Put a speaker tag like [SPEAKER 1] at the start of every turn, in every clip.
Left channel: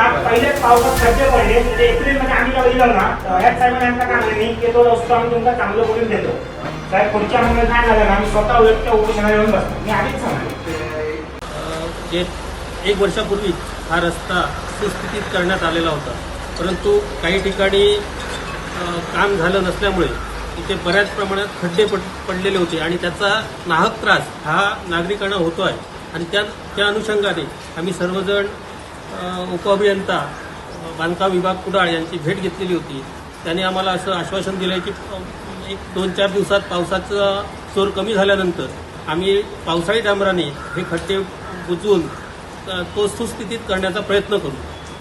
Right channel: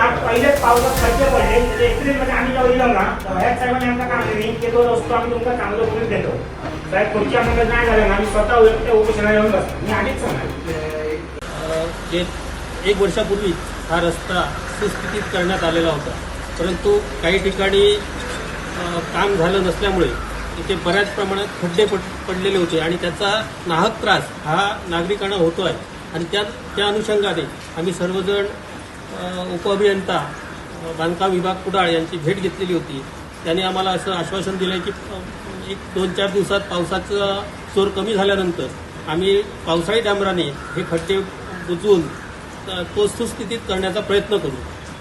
[SPEAKER 1] पहिलेच पावसात खर्च पडले ते एप्रिलमध्ये आम्ही जेव्हा दिलं ना ह्याच साहेबांना आमचं काम नाही की तो रस्तो आम्ही तुमचा चांगलं करून देतो साहेब पुढच्या महिन्यात नाही झालं ना आम्ही स्वतः उलट उपोषणाला येऊन बसतो मी आधीच सांगतो.
[SPEAKER 2] एक वर्षापूर्वी हा रस्ता सुस्थितीत करण्यात आलेला होता, परंतु काही ठिकाणी काम झालं नसल्यामुळे इथे बऱ्याच प्रमाणात खड्डे पडलेले होते आणि त्याचा नाहक त्रास हा नागरिकांना होतो आहे. आणि त्या अनुषंगाने आम्ही सर्वजण उपअभियंता बांधकाम विभाग कुडाळ यांची भेट घेतलेली होती. त्यांनी आम्हाला असं आश्वासन दिलं आहे की 1-2-4 दिवसात पावसाचा जोर कमी झाल्यानंतर आम्ही पावसाळी डांबराने हे खड्डे बुजवून तो सुस्थितीत करण्याचा प्रयत्न करू.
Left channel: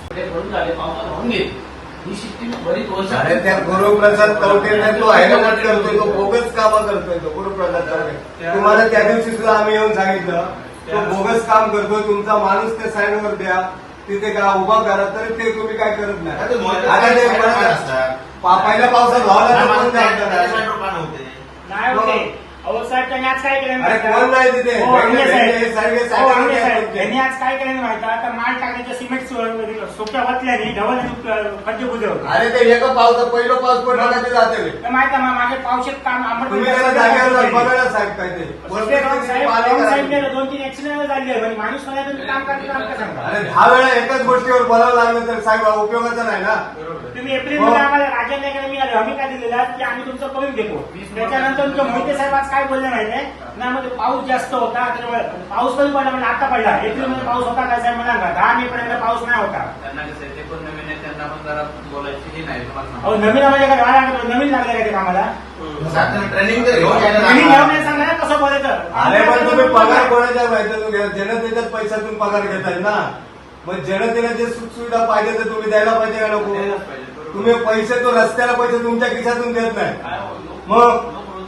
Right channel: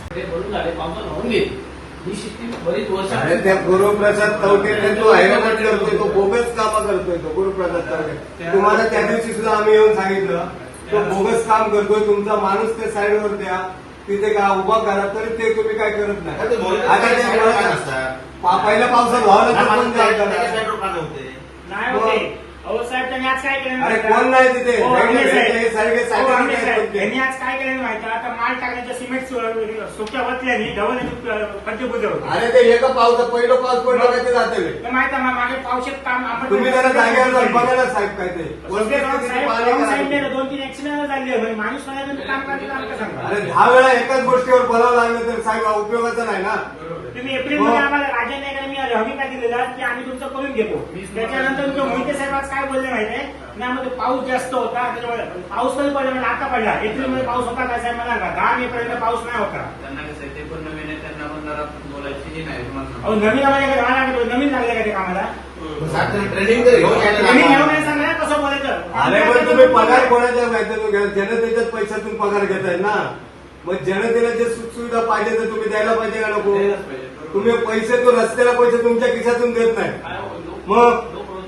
[SPEAKER 3] अरे त्या गुरुप्रसाद कवटेने तो हैराण करतोय, तो बोगस कामं करतोय तो गुरुप्रसाद कवटे. तुम्हाला त्या दिवशी सुद्धा आम्ही येऊन सांगितलं तो बोगस काम करतोय, तुमचा माणूस त्या साईडवर द्या, तिथे का उभा करा, तरी ते तुम्ही काय करत नाही. आता ते पहिल्या पावसात व्हावं पण काय करणार
[SPEAKER 1] नाही होते. अहो साहेब त्यांनी आज काय केलं
[SPEAKER 3] अरे कोण नाही तिथे
[SPEAKER 1] त्यांनी आज काय केलं माहिती आता माल टाकायच्या सिमेंट सुक्या बसल्याने गव्हाच्या खड्डे बुजवले.
[SPEAKER 3] अरे ते एका पावसात पहिलं पाऊस पडला का ते जाते
[SPEAKER 1] माहिती आहे माझे पावसात काम
[SPEAKER 3] तुम्ही त्याला जागेवर बघायला साहेब काय ते
[SPEAKER 1] 2-3 ऍक्सिडेंट झाले माणूस काम करते.
[SPEAKER 3] अरे 10 वेळा एकाच गोष्टीवर बोलावं लागलं तर साहेब उपयोगाचं नाही ना.
[SPEAKER 1] तुम्ही एप्रिलमध्ये आम्हाला राजेंद्रकडे मी हमी का दिलेला की आम्ही तुमचं करून घेतो. त्याच्यानंतर तुमच्या मोहिते साहेब आज काय बोलले माहितीये नाही मध्ये पाऊस जास्त होता पाऊस पण पडला म्हणजे आता पडला. एप्रिलमध्ये पाऊस होता काय साहेब म्हणाल का 10 मेपर्यंत पाऊस नाही होता. अहो नवीन नवीन लागले का ते कामाला सांगा कसं बोलायचं.
[SPEAKER 3] अरे पण तुम्ही पगार कोणाच्या माहिती जनतेच्याच पैशातून पगार घेताय ना, मग जनतेला जे सुखसुविधा पाहिजे तर तुम्ही द्यायला पाहिजे का नको. तुम्ही पैसे तो रस्त्याला पैसे तुमच्या खिशातून देत नाही मग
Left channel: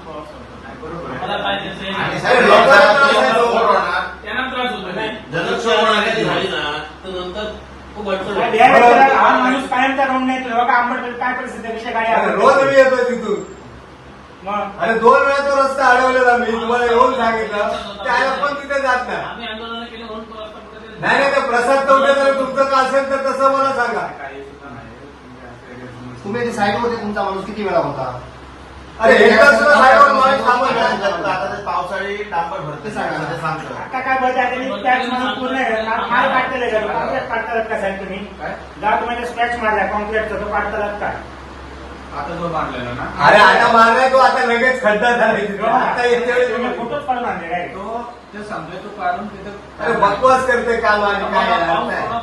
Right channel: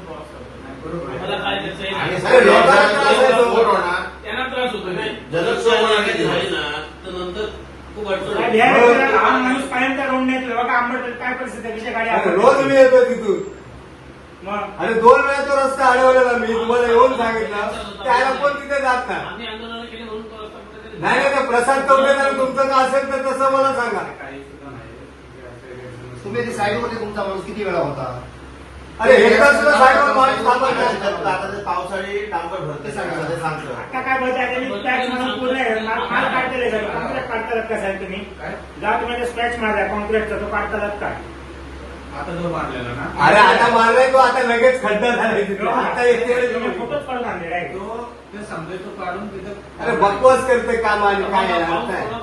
[SPEAKER 1] माणूस कायमचा रोड नाही बघा आंबट काय परिस्थिती गाड्या
[SPEAKER 3] रोज मी येतोय तिथून. अरे 2 वेळा तो रस्ता अडवलेला मी तुम्हाला येऊन सांगितलं त्याला पण तिथे जात नाही. नाही तर प्रसाद कवटेने तुमचं का असेल तर तसं मला सांगा.
[SPEAKER 4] तुम्ही जे साईडमध्ये तुमचा माणूस किती वेळा होता.
[SPEAKER 3] अरे एकदा सुद्धा साईडवर माणूस
[SPEAKER 4] पावसाळी डांबर भरते सांगतो
[SPEAKER 1] आता काय बघा स्क्रॅच म्हणून पूर्ण माल काढलेले कॉन्क्रीट काढतालात का साहेब तुम्ही जेव्हा तुम्ही स्क्रॅच मारला कॉन्क्रीटचा तो काढतालात काय
[SPEAKER 4] आता जो मारलेला ना.
[SPEAKER 3] अरे आता मारलाय तो आता लगेच खड्डा झाला आता
[SPEAKER 1] तुम्ही फोटोच काढून आणले
[SPEAKER 4] तो ते सांगतोय तो काढून तिथे
[SPEAKER 3] अरे बकवास करतोय काम आणि काय